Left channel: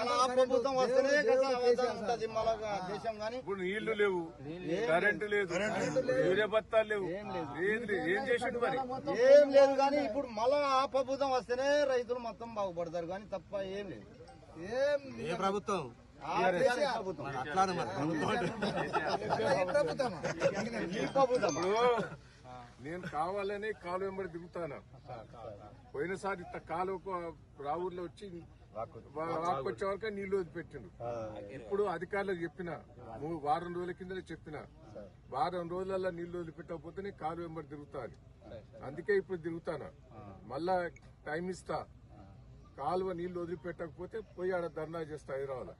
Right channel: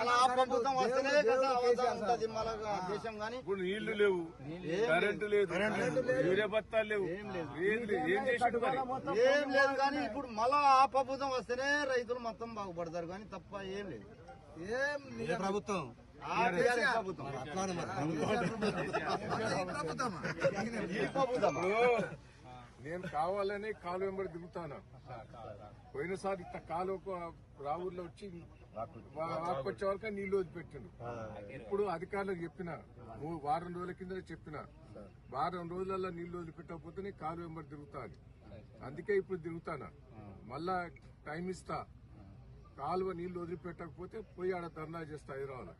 మన ఆ ప్రభుత్వం వస్తేనే కదా ఉంటది మన దేశం. కానీ ఇప్పుడు నీళ్లు లేవు, కరెంటు లేదు, యూరియా బత్తాలు లేవు, ఏం చేసిండు మరి? ఏం లేదు. కానీ ఇప్పుడు మళ్ళా ఆ ప్రభుత్వం వస్తేనే రైతులు మొత్తం బాగుపడతారు. కానీ తప్ప ఏం లేదు. ఏ ప్రభుత్వం? ప్రభుత్వం ఈ ప్రభుత్వం నేను కావాలనే కాలు వెంబడి దిగుతాను. పోయినసారి ఇంత కాలువకు రావుల్లో వచ్చి వాకొచ్చే వరకు నీళ్లు వదిలిపెట్టిండు. ఇప్పుడు అధికారులకు చెప్పిన వారం రోజుల కిందనే చెప్పిన, వారం రోజులలో నీళ్లు వదిలిపెట్టకపోతే కాలు వెంబడి తిరుగుతాను. అందుకే ఇప్పుడు తిరుగుతాను. మళ్ళా టైం ఇస్తా. కాలువ నీళ్లు వదిలిపెట్టకపోతే పోయి ఆడ ధర్నా చేస్తా హైదరాబాద్.